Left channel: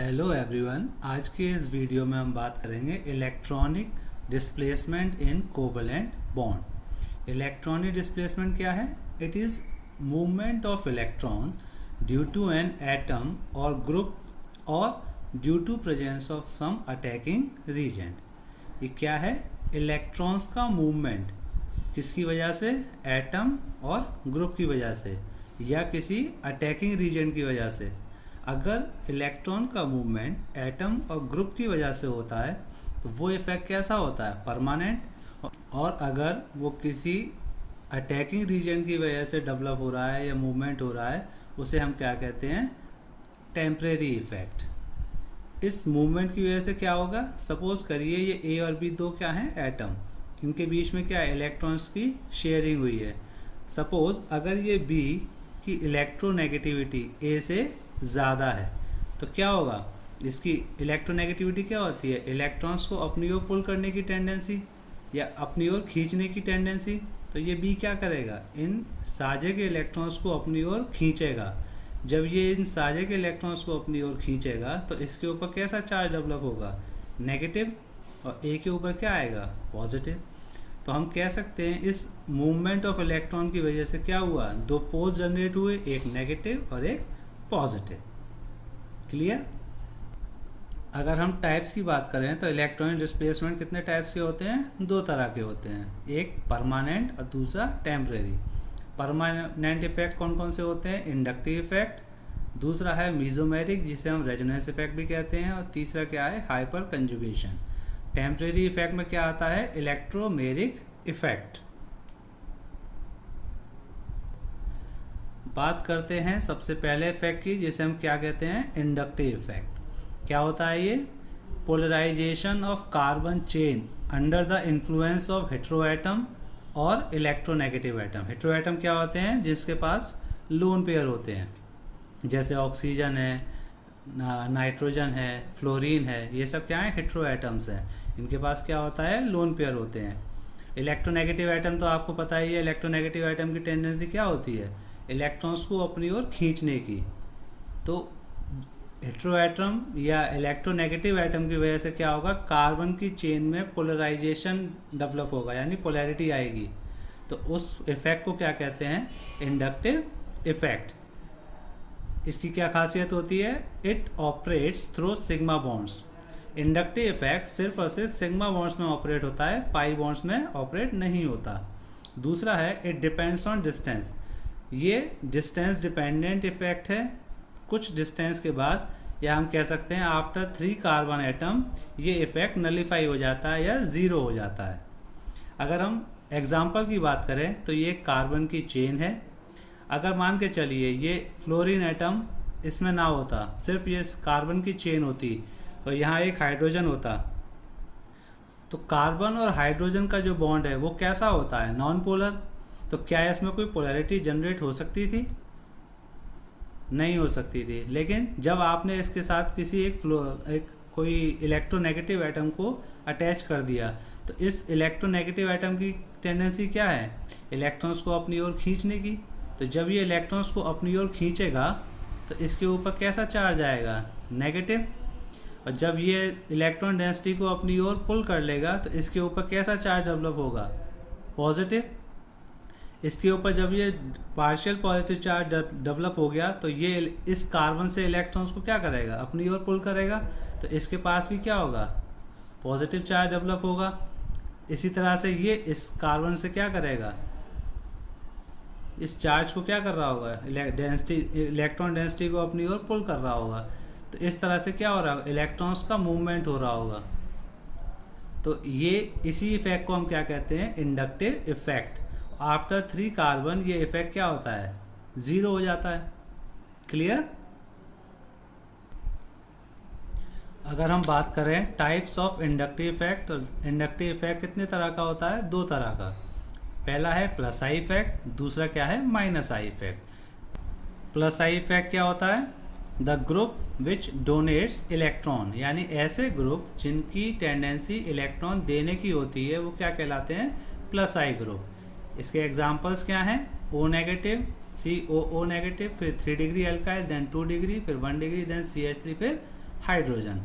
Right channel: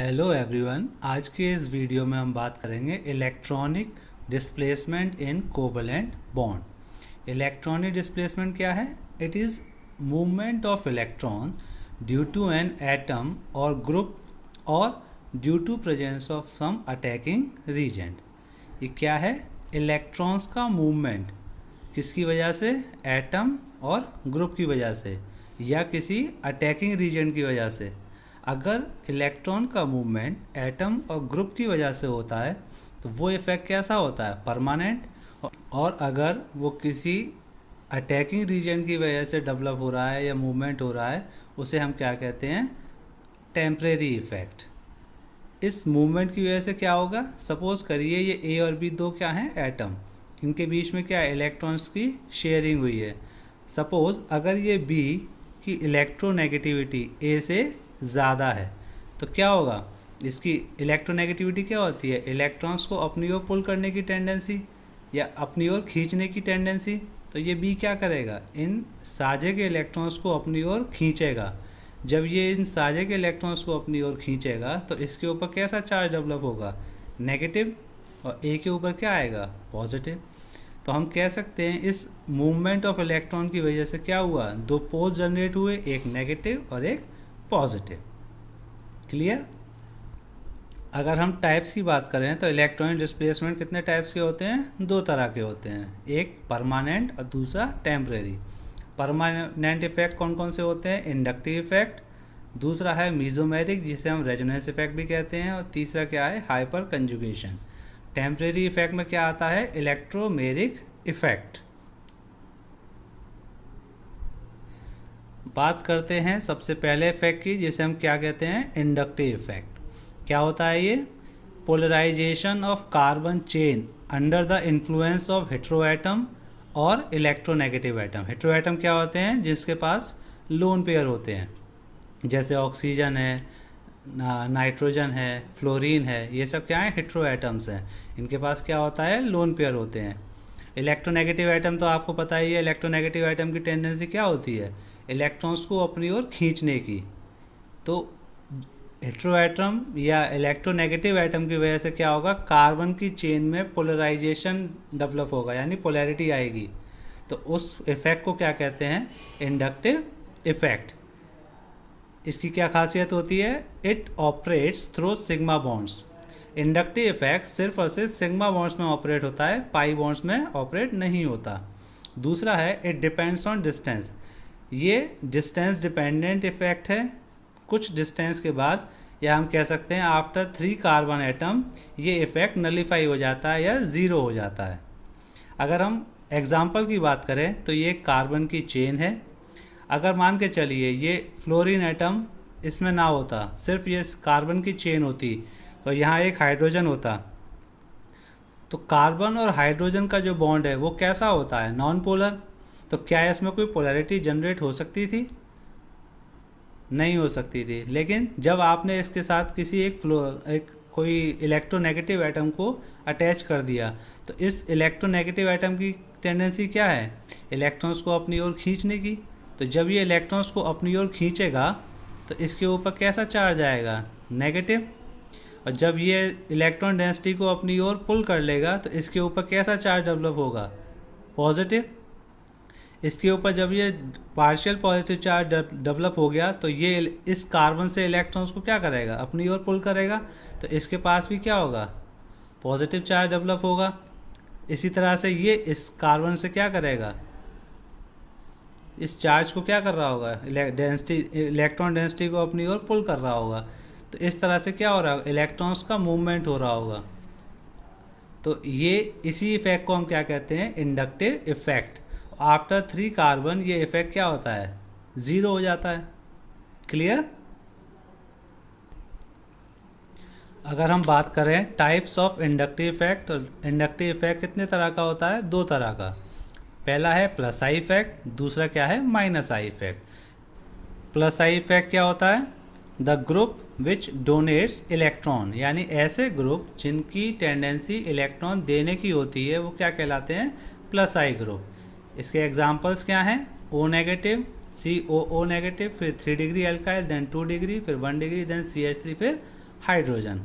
Hello everyone, आज के इस वीडियो में हम बात करेंगे electronic displacement in covalent bond. Electronic displacement क्या है? It is movement of electron due to an atom और ग्रुप और due to presence of some attacking reagent. ये क्या है? इलेक्ट्रॉन्स का मूवमेंट किसकी वजह से? एटम और ग्रुप की वजह से या किसी अटैकिंग रीजेंट की वजह से। अगर इलेक्ट्रॉन का मूवमेंट एटम और ग्रुप की वजह से होता है तो वो इफेक्ट कैसा होता है? परमानेंट। और अगर वो किसी अटैकिंग रीजन की वजह से डेवलप हो रहा है या मूवमेंट हो रहा है, उसे हम क्या कहते हैं? Temporary effect. इस मूवमेंट की वजह से क्या होगा? सपोज करिए ये ए और बी दो क्या हैं? एटम। इनके बीच में क्या है? इलेक्ट्रॉन्स की शेयरिंग हुई है। सपोज अगर ये बी की इलेक्ट्रोनेगेटिविटी ए से ज़्यादा है तो क्या होगा? इसकी इलेक्ट्रोनेगेटिविटी क्या होती है? इलेक्ट्रॉन्स को अपनी ओर पुल करने की टेंडेंसी या अपनी ओर खींचने की टेंडेंसी। तो ये बी क्या करेगा? इन साझे के इलेक्ट्रॉन्स को अपनी ओर खींचेगा। जब ये इन साझे के इलेक्ट्रॉन्स को अपनी ओर खींचेगा तो इसके ऊपर कैसा चार्ज डेवलप होगा? नेगेटिव। और ए के ऊपर क्या आएगा? पॉजिटिव। तो हम कह सकते हैं इस मूवमेंट ऑफ इलेक्ट्रॉन की वजह से क्या हुआ? दो पोल्स जनरेट हुए, एक नेगेटिव और एक पॉजिटिव। क्लियर? अगर हम टाइप्स की बात करें तो इलेक्ट्रॉनिक डिस्प्लेसमेंट कितने टाइप्स के होते हैं? दो तरह के होते हैं, एक परमानेंट और दूसरा टेम्परेरी। परमानेंट इफेक्ट कौन कौन से होते हैं? इंडक्टिव इफेक्ट, दूसरा है मीजोमेरिक जिसे हम रेजोनेंस इफेक्ट भी कहते हैं, और तीसरा क्या है? Hyper conjugation. टेम्परेरी इफेक्ट में क्या आता है? Electromeric effect. बात करते हैं सबसे पहले इफेक्ट की, जिसे हम क्या कहते हैं? Inductive effect. क्या होता है ये? Polarisation of carbon chain under the influence of heteroatom और इलेक्ट्रोनेगेटिव एटम। हेटेरोएटम क्या होते हैं? जिसके पास लोन पेयर होते हैं, जैसे ऑक्सीजन है, नाइट्रोजन है, फ्लोरीन है, ये सब क्या है? हेटेरोएटम्स हैं। इनके पास क्या होता है? लोन पेयर होते हैं। इलेक्ट्रोनेगेटिव एटम तो आपको पता ही है, इलेक्ट्रोनेगेटिव एटम की टेंडेंसी क्या होती है? इलेक्ट्रॉन्स को अपनी ओर खींचने की। तो हेटेरोएटम या इलेक्ट्रोनेगेटिव एटम की वजह से क्या होगा? कार्बन की चेन में पोलराइजेशन डेवलप होगा, यानी पोलैरिटी आएगी। तो उस इफेक्ट को क्या कहते हैं? Inductive effect. इसकी क्या खासियत होती है? It operates through sigma bonds. Inductive effect सिर्फ और सिर्फ सिग्मा बॉन्ड्स में ऑपरेट होता है, पाई बॉन्ड्स में ऑपरेट नहीं होता। दूसरा है इट डिपेंड्स ऑन डिस्टेंस। ये डिस्टेंस डिपेंडेंट इफेक्ट है। कुछ डिस्टेंस के बाद, या हम कह सकते हैं आफ्टर 3 कार्बन एटम, ये इफेक्ट नलीफाई हो जाता है या ज़ीरो हो जाता है। अगर हम एग्जाम्पल की बात करें तो ये कार्बन की चेन है। अगर मान के चलिए ये फ्लोरीन एटम इसमें ना होता, सिर्फ ये कार्बन की चेन होती, तो यहाँ एक हाइड्रोजन होता। तो कार्बन और हाइड्रोजन का जो बॉन्ड है वो कैसा होता है? Non polar. तो क्या इसमें कोई पोलैरिटी जनरेट हो सकती थी? नहीं हो सकती थी। लेकिन जब आपने इसके साथ किसी एक कोई इलेक्ट्रोनेगेटिव एटम को अटैच कर दिया, तो इस इलेक्ट्रोनेगेटिव एटम की टेंडेंसी क्या है? इलेक्ट्रॉन्स को अपनी ओर खींचने की। तो जब ये इलेक्ट्रॉन्स को अपनी ओर खींचेगा तो इसके ऊपर कैसा चार्ज आएगा? नेगेटिव। और जब ये इलेक्ट्रॉन डेंसिटी को अपनी ओर पुल कर लेगा तो इसके ऊपर कैसा चार्ज डेवलप होगा? पॉजिटिव। इसके ऊपर जब ये पार्शियल पॉजिटिव चार्ज डेवलप हो गया तो ये इस कार्बन से इलेक्ट्रॉन्स को क्या करेगा? अपनी ओर पुल करेगा। तो इसके पास भी क्या होगा? पॉजिटिव चार्ज डेवलप होगा। इसी तरह से ये इस कार्बन से क्या करेगा? इस चार्ज को क्या कर रहा होगा? इलेक्ट्रॉन डेंसिटी को अपनी ओर पुल कर रहा होगा। तो इस तरह से क्या हो रहा है? इलेक्ट्रॉन्स का मूवमेंट हो रहा होगा। तो ये इसी इफेक्ट को हम क्या कहते हैं? Inductive effect. आफ्टर 3 कार्बन ये इफेक्ट क्या होता है? ज़ीरो हो जाता है। क्लियर? अगर हम बात करें टाइप्स ऑफ इंडक्टिव इफेक्ट, तो इंडक्टिव इफेक्ट कितने तरह का होता है? 2 तरह का। पहला है प्लस आई इफेक्ट, दूसरा क्या है? Minus I effect. Plus I effect क्या होता है? The group which donates electron, यानी ऐसे ग्रुप जिनकी टेंडेंसी इलेक्ट्रॉन देने की होती है वो क्या कहलाते हैं? प्लस आई ग्रुप। इसके एग्जांपल्स क्या हैं? ओ नेगेटिव, COO नेगेटिव, फिर 3 डिग्री एल्काइल, देन 2 डिग्री, फिर 1 डिग्री, देन CH3, फिर हाइड्रोजन।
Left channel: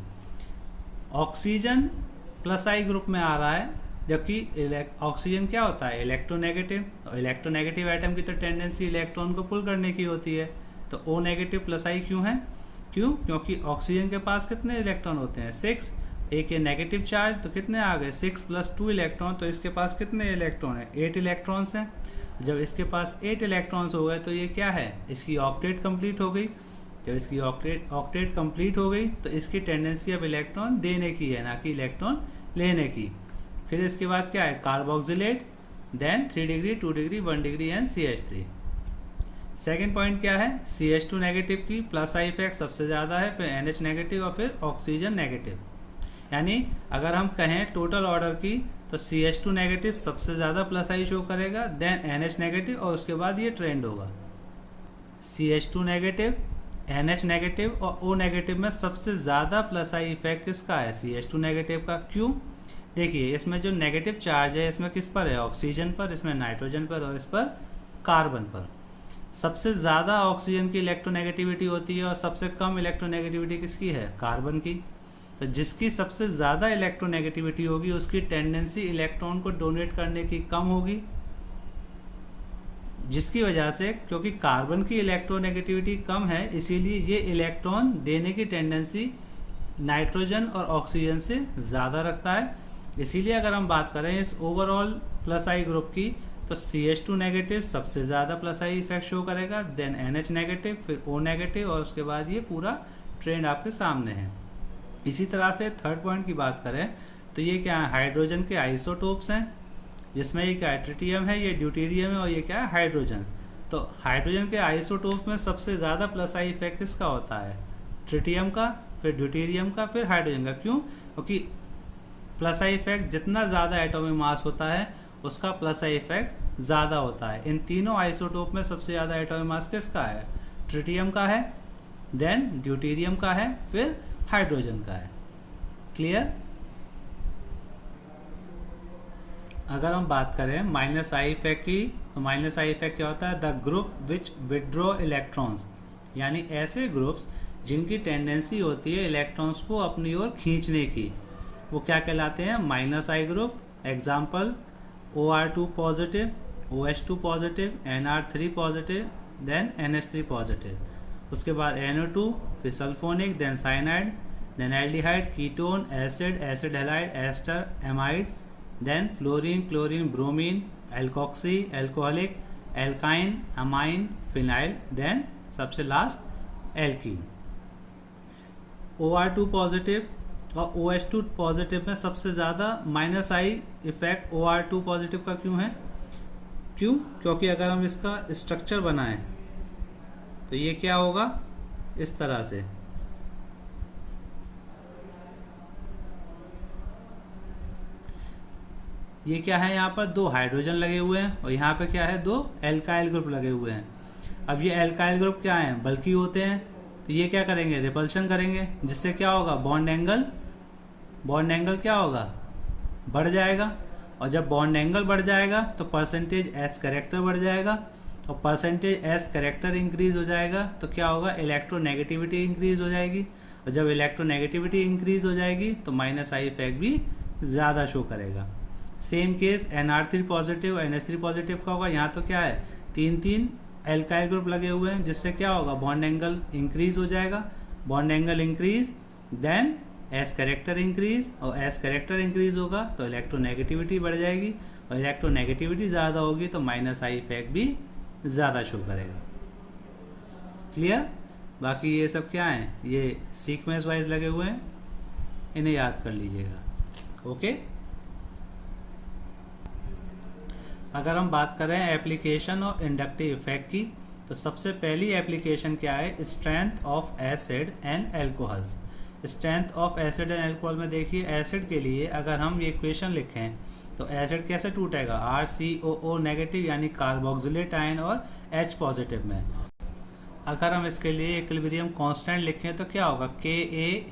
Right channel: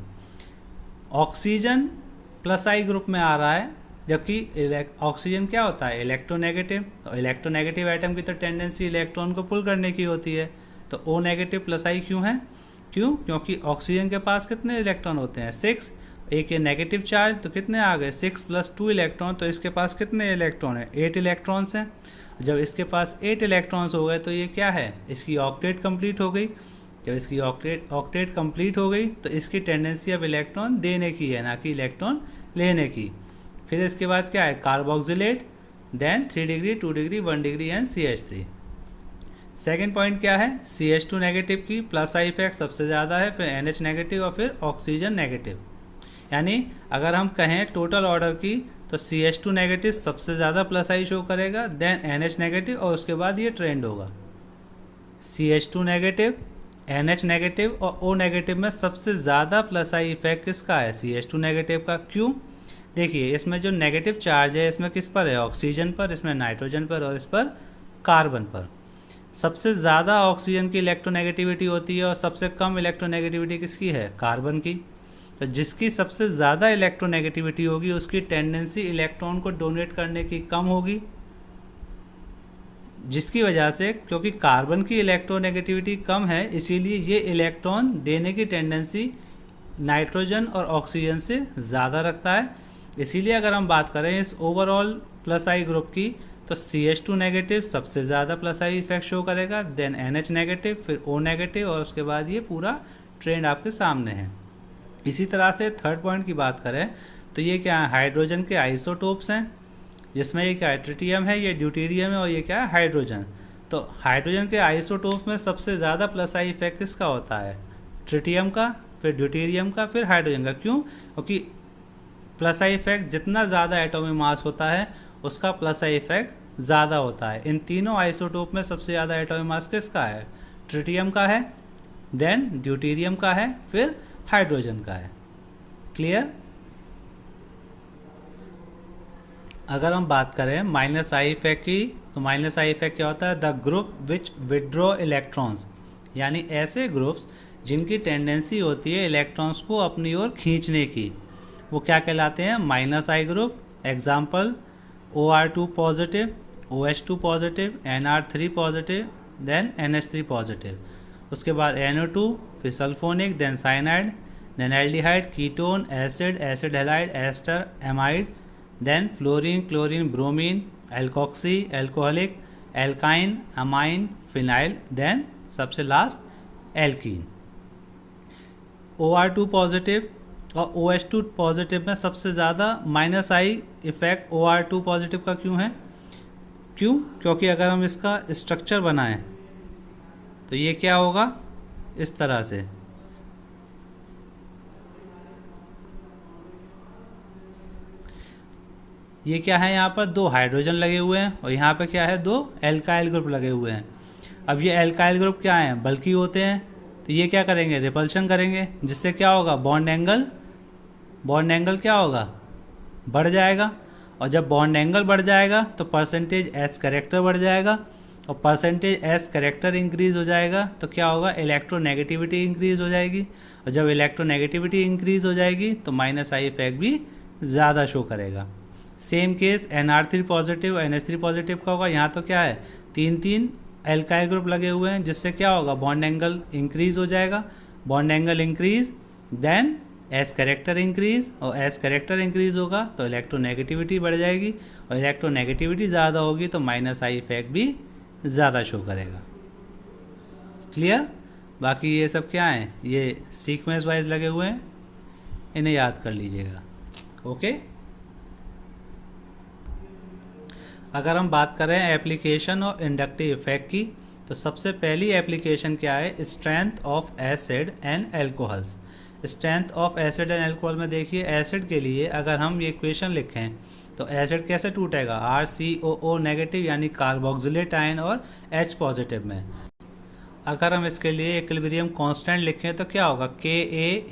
ऑक्सीजन प्लस आई ग्रुप में आ रहा है, जबकि ऑक्सीजन क्या होता है, इलेक्ट्रोनेगेटिव। तो इलेक्ट्रोनेगेटिव एटम की तो टेंडेंसी इलेक्ट्रॉन को पुल करने की होती है, तो ओ नेगेटिव प्लस आई क्यों है? क्यों? क्योंकि ऑक्सीजन के पास कितने इलेक्ट्रॉन होते हैं, 6। एक ये नेगेटिव चार्ज, तो कितने आ गए, 6 + 2 इलेक्ट्रॉन, तो इसके पास कितने इलेक्ट्रॉन है, 8 इलेक्ट्रॉन्स हैं। जब इसके पास 8 इलेक्ट्रॉन्स हो गए तो ये क्या है, इसकी ऑक्टेट कंप्लीट हो गई। जब इसकी ऑक्टेट कंप्लीट हो गई तो इसकी टेंडेंसी अब इलेक्ट्रॉन देने की है, ना कि इलेक्ट्रॉन लेने की। फिर इसके बाद क्या है, carboxylate, then 3 degree, 2 degree, 1 degree and CH3। Second point क्या है, CH2 नेगेटिव की प्लस आई इफेक्ट सबसे ज़्यादा है, फिर NH नेगेटिव और फिर ऑक्सीजन नेगेटिव। यानी अगर हम कहें टोटल ऑर्डर की तो CH2 नेगेटिव सबसे ज़्यादा प्लस आई शो करेगा, देन NH नेगेटिव और उसके बाद ये ट्रेंड होगा। CH2 नेगेटिव, NH नेगेटिव और O नेगेटिव में सबसे ज़्यादा प्लस आई इफेक्ट किसका है, CH2 नेगेटिव का। क्यों? देखिए इसमें जो नेगेटिव चार्ज है इसमें किस पर है, ऑक्सीजन पर, इसमें नाइट्रोजन पर और इस पर कार्बन पर। सबसे ज़्यादा ऑक्सीजन की इलेक्ट्रोनेगेटिविटी होती है और सबसे कम इलेक्ट्रोनेगेटिविटी किसकी है, कार्बन की। तो जिसकी सबसे ज़्यादा इलेक्ट्रोनेगेटिविटी होगी उसकी टेंडेंसी इलेक्ट्रॉन को डोनेट करने की कम होगी, जिसकी वजह से, क्योंकि कार्बन की इलेक्ट्रोनेगेटिविटी कम है इसीलिए ये इलेक्ट्रॉन देने की टेंडेंसी नाइट्रोजन और ऑक्सीजन से ज़्यादा रखता है। इसीलिए अगर हम बात करें इस ओवरऑल प्लस आई ग्रुप की तो CH2 नेगेटिव सबसे ज़्यादा प्लस आई इफेक्ट शो करेगा, देन NH नेगेटिव, फिर O नेगेटिव और उसके बाद ये पूरा ट्रेंड आपके सामने है। इसी तरह से थर्ड पॉइंट की बात करें तो ये क्या है, हाइड्रोजन के आइसोटोप्स हैं, जिसमें ये क्या है, ट्रिटियम है, ये ड्यूटेरियम है और ये क्या है, हाइड्रोजन। तो हाइड्रोजन के आइसोटोप में सबसे ज़्यादा प्लस आई इफेक्ट किसका होता है, ट्रिटियम का, फिर ड्यूटेरियम का, फिर हाइड्रोजन का। क्यों? क्योंकि प्लस आई इफेक्ट जितना ज़्यादा एटॉमिक मास होता है उसका प्लस आई इफेक्ट ज़्यादा होता है। इन तीनों आइसोटोप में सबसे ज़्यादा एटॉमिक मास किसका है, ट्रिटियम का है, देन ड्यूटेरियम का है, फिर हाइड्रोजन का है। क्लियर? अगर हम बात करें माइनस आई इफेक्ट की तो माइनस आई इफेक्ट क्या होता है, the group which withdraw electrons, यानी ऐसे ग्रुप्स जिनकी टेंडेंसी होती है इलेक्ट्रॉन्स को अपनी ओर खींचने की, वो क्या कहलाते हैं, minus I group. Example OR2 positive, OH2 positive, NR3 positive, then NH3 positive. उसके बाद NO2, फिर sulphonic, then cyanide, then aldehyde, ketone, acid, acid halide, ester, amide, then fluorine, chlorine, bromine, alkoxy, alcoholic, alkyne, amine, phenyl, then सबसे last alkene. OR2 positive और OH2 positive में सबसे ज़्यादा minus I effect OR2 positive का क्यों है? क्यों? क्योंकि अगर हम इसका स्ट्रक्चर बनाएं तो ये क्या होगा, इस तरह से। ये क्या है, यहाँ पर 2 हाइड्रोजन लगे हुए हैं और यहाँ पे क्या है, 2 एल्काइल ग्रुप लगे हुए हैं। अब ये एल्काइल ग्रुप क्या हैं, बल्कि होते हैं, तो ये क्या करेंगे, रिपल्शन करेंगे, जिससे क्या होगा, बॉन्ड एंगल क्या होगा, बढ़ जाएगा। और जब बॉन्ड एंगल बढ़ जाएगा तो परसेंटेज एस कैरेक्टर बढ़ जाएगा, और परसेंटेज एस कैरेक्टर इंक्रीज हो जाएगा तो क्या होगा, इलेक्ट्रोनेगेटिविटी इंक्रीज हो जाएगी। और जब इलेक्ट्रोनेगेटिविटी इंक्रीज हो जाएगी तो माइनस आई इफेक्ट भी ज़्यादा शो करेगा। Same case NR3 positive, NH3 positive का होगा। यहाँ तो क्या है, 3 एल्काइल ग्रुप लगे हुए हैं, जिससे क्या होगा, बॉन्ड एंगल इंक्रीज हो जाएगा। Bond angle increase, then S character increase, और एस कैरेक्टर इंक्रीज होगा तो इलेक्ट्रोनेगेटिविटी बढ़ जाएगी, और इलेक्ट्रोनेगेटिविटी ज़्यादा होगी तो माइनस आई इफेक्ट भी ज़्यादा शो करेगा। क्लियर? बाकी ये सब क्या हैं, ये सीक्वेंस वाइज लगे हुए हैं, इन्हें याद कर लीजिएगा। ओके। अगर हम बात करें एप्लीकेशन ऑफ इंडक्टिव इफेक्ट की तो सबसे पहली एप्लीकेशन क्या है, strength of acid and alcohols. Strength of acid and alcohol में देखिए, एसिड के लिए अगर हम ये इक्वेशन लिखें तो एसिड कैसे टूटेगा, RCOO नेगेटिव यानी कार्बोक्सिलेट आयन और H पॉजिटिव में। अगर हम इसके लिए इक्विलिब्रियम कांस्टेंट लिखें तो क्या होगा, Ka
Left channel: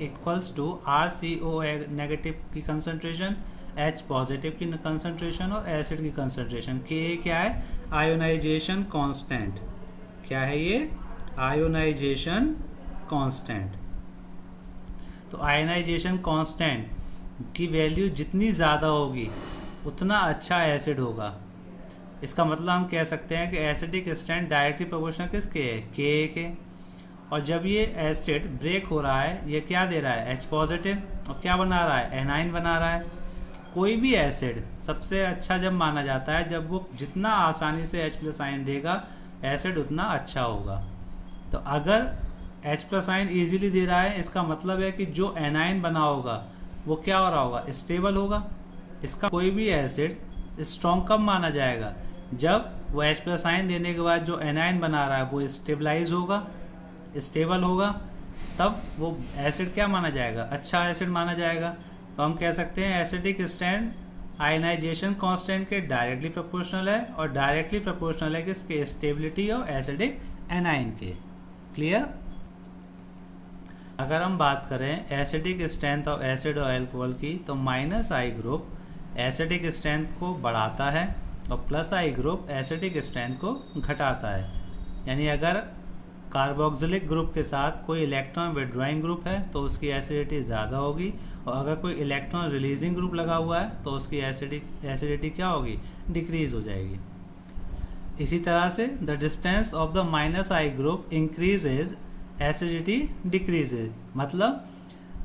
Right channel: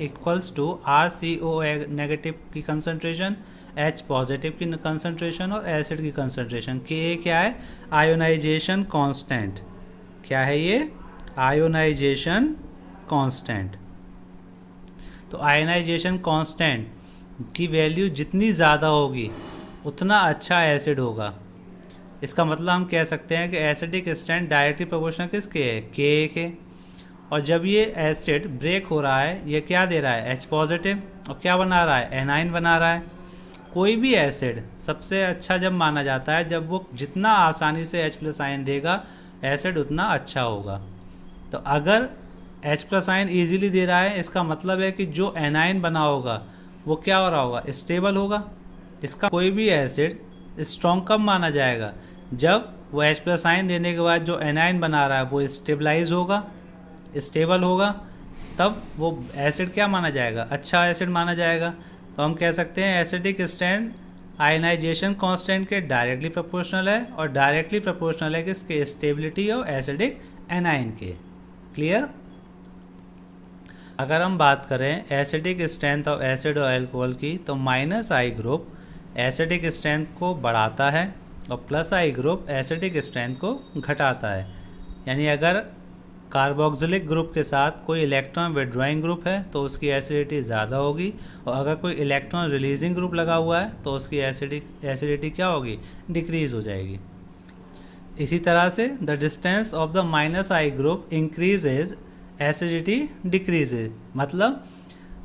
= RCOO नेगेटिव की कंसंट्रेशन, H पॉजिटिव की कंसंट्रेशन और एसिड की कंसंट्रेशन। Ka क्या है, आयोनाइजेशन कांस्टेंट। क्या है ये, आयोनाइजेशन कांस्टेंट। तो तो आयनाइजेशन कांस्टेंट की वैल्यू जितनी ज़्यादा होगी उतना अच्छा एसिड होगा। इसका मतलब हम कह सकते हैं कि एसिडिक स्ट्रेंथ डायरेक्टली प्रोपोर्शनल किसके है, के के। और जब ये एसिड ब्रेक हो रहा है ये क्या दे रहा है, H पॉजिटिव, और क्या बना रहा है, एनाइन बना रहा है। कोई भी एसिड सबसे अच्छा जब माना जाता है जब वो जितना आसानी से H+ आयन देगा एसिड उतना अच्छा होगा। तो अगर H+ आयन ईजिली दे रहा है इसका मतलब है कि जो एनाइन बना होगा वो क्या हो रहा होगा, स्टेबल होगा। इसका कोई भी एसिड स्ट्रॉन्ग कब माना जाएगा, जब वो H+ आयन देने के बाद जो एनाइन बना रहा है वो स्टेबलाइज होगा, स्टेबल होगा, तब वो एसिड क्या माना जाएगा, अच्छा एसिड माना जाएगा। तो हम कह सकते हैं एसिडिक स्ट्रेंथ आयनाइजेशन कांस्टेंट के डायरेक्टली प्रोपोर्शनल है, और डायरेक्टली प्रोपोर्शनल है किसके, स्टेबिलिटी और एसिडिक एनाइन के। क्लियर। अगर हम बात करें एसिडिक स्ट्रेंथ ऑफ एसिड और अल्कोहल की, तो -I ग्रुप एसिडिक स्ट्रेंथ को बढ़ाता है और +I ग्रुप एसिडिक स्ट्रेंथ को घटाता है। यानी अगर कार्बोक्सिलिक ग्रुप के साथ कोई इलेक्ट्रॉन विड्रॉइंग ग्रुप है तो उसकी एसिडिटी ज़्यादा होगी, और अगर कोई इलेक्ट्रॉन रिलीजिंग ग्रुप लगा हुआ है तो उसकी एसिडिटी क्या होगी, डिक्रीज हो जाएगी। इसी तरह से the distance of the -I group increases acidity decreases. मतलब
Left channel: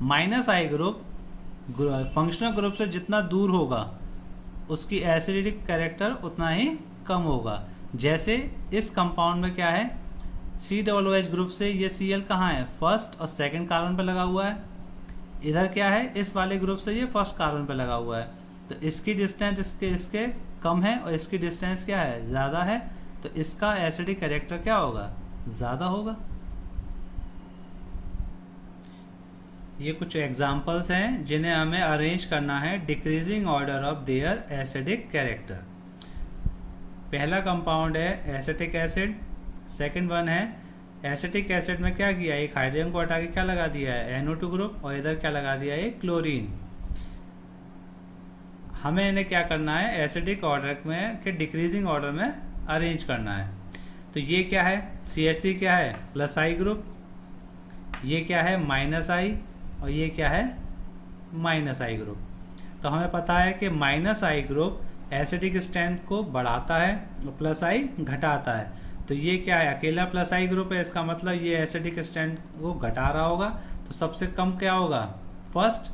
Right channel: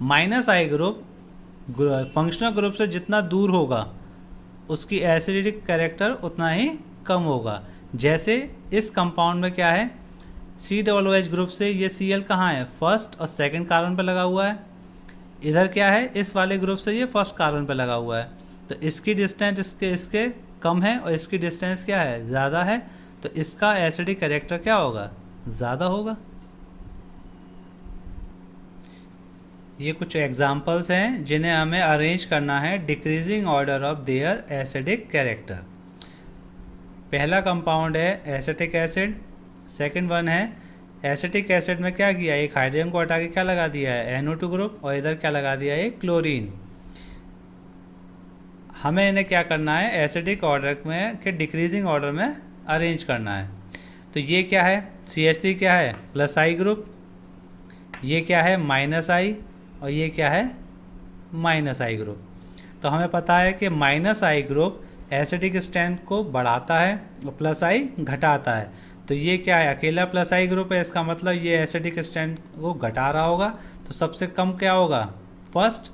-I ग्रुप फंक्शनल ग्रुप से जितना दूर होगा उसकी एसिडिक कैरेक्टर उतना ही कम होगा। जैसे इस कंपाउंड में क्या है, COOH ग्रुप से ये Cl कहाँ है, फर्स्ट और सेकंड कार्बन पे लगा हुआ है। इधर क्या है, इस वाले ग्रुप से ये फर्स्ट कार्बन पे लगा हुआ है। तो इसकी डिस्टेंस इसके कम है और इसकी डिस्टेंस क्या है, ज़्यादा है, तो इसका एसिडिक कैरेक्टर क्या होगा, ज़्यादा होगा। ये कुछ एग्जाम्पल्स हैं जिन्हें हमें अरेंज करना है decreasing order of their acidic character. पहला कंपाउंड है एसिटिक एसिड, सेकंड वन है एसिटिक एसिड में क्या किया, एक हाइड्रोजन को हटा के क्या लगा दिया है, NO2 ग्रुप, और इधर क्या लगा दिया है, क्लोरीन। हमें इन्हें क्या करना है, एसिडिक ऑर्डर में के डिक्रीजिंग ऑर्डर में अरेंज करना है। तो ये क्या है, CH3 क्या है, +I ग्रुप, ये क्या है -I, और ये क्या है -I ग्रुप। तो हमें पता है कि -I ग्रुप एसिडिक स्ट्रेंथ को बढ़ाता है और +I घटाता है। तो ये क्या है, अकेला +I ग्रुप है, इसका मतलब ये एसिडिक स्ट्रेंथ को घटा रहा होगा। तो सबसे कम क्या होगा, फर्स्ट।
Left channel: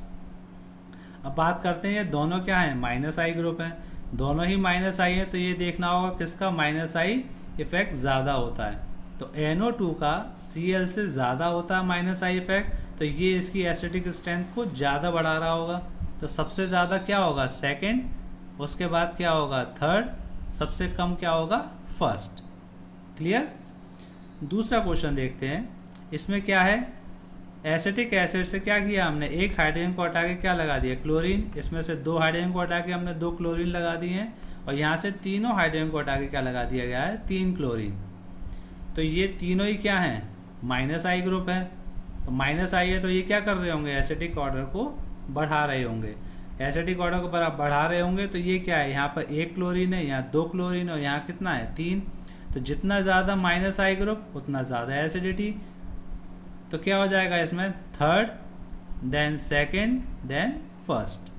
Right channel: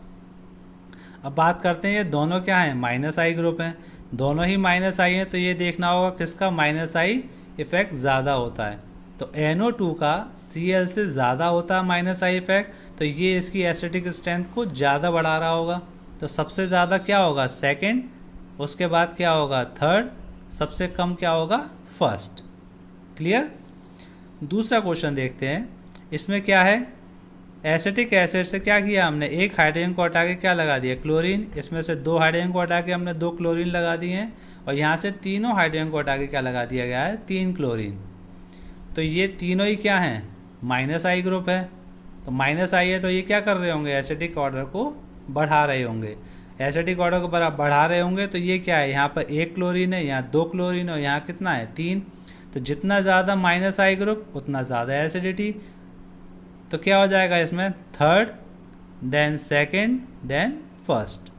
अब बात करते हैं ये दोनों क्या हैं, -I ग्रुप हैं, दोनों ही -I हैं, तो ये देखना होगा किसका -I इफेक्ट ज़्यादा होता है। तो NO2 का Cl से ज़्यादा होता है -I इफेक्ट, तो ये इसकी एसिडिक स्ट्रेंथ को ज़्यादा बढ़ा रहा होगा। तो सबसे ज़्यादा क्या होगा, सेकंड, उसके बाद क्या होगा, थर्ड, सबसे कम क्या होगा, फर्स्ट। क्लियर। दूसरा क्वेश्चन देखते हैं, इसमें क्या है, एसिटिक एसिड से क्या किया हमने, एक हाइड्रोजन को हटा के क्या लगा दिया, क्लोरीन। इसमें से 2 हाइड्रोजन को हटा के हमने 2 क्लोरीन लगा दिए हैं, और यहाँ से तीनों हाइड्रोजन को हटा के क्या लगा दिया गया है, 3 क्लोरीन। तो ये तीनों ही क्या हैं, -I ग्रुप है। तो -I है तो ये क्या कर रहे होंगे, एसिडिक ऑर्डर को बढ़ा रहे होंगे। एसिडिक ऑर्डर को बढ़ा रहे होंगे तो ये क्या है, यहाँ पर 1 क्लोरीन है, यहाँ 2 क्लोरीन और यहाँ कितना है, 3। तो जितना ज़्यादा -I ग्रुप उतना ज़्यादा एसिडिटी। तो क्या हो जाएगा इसमें, third, then second, then first.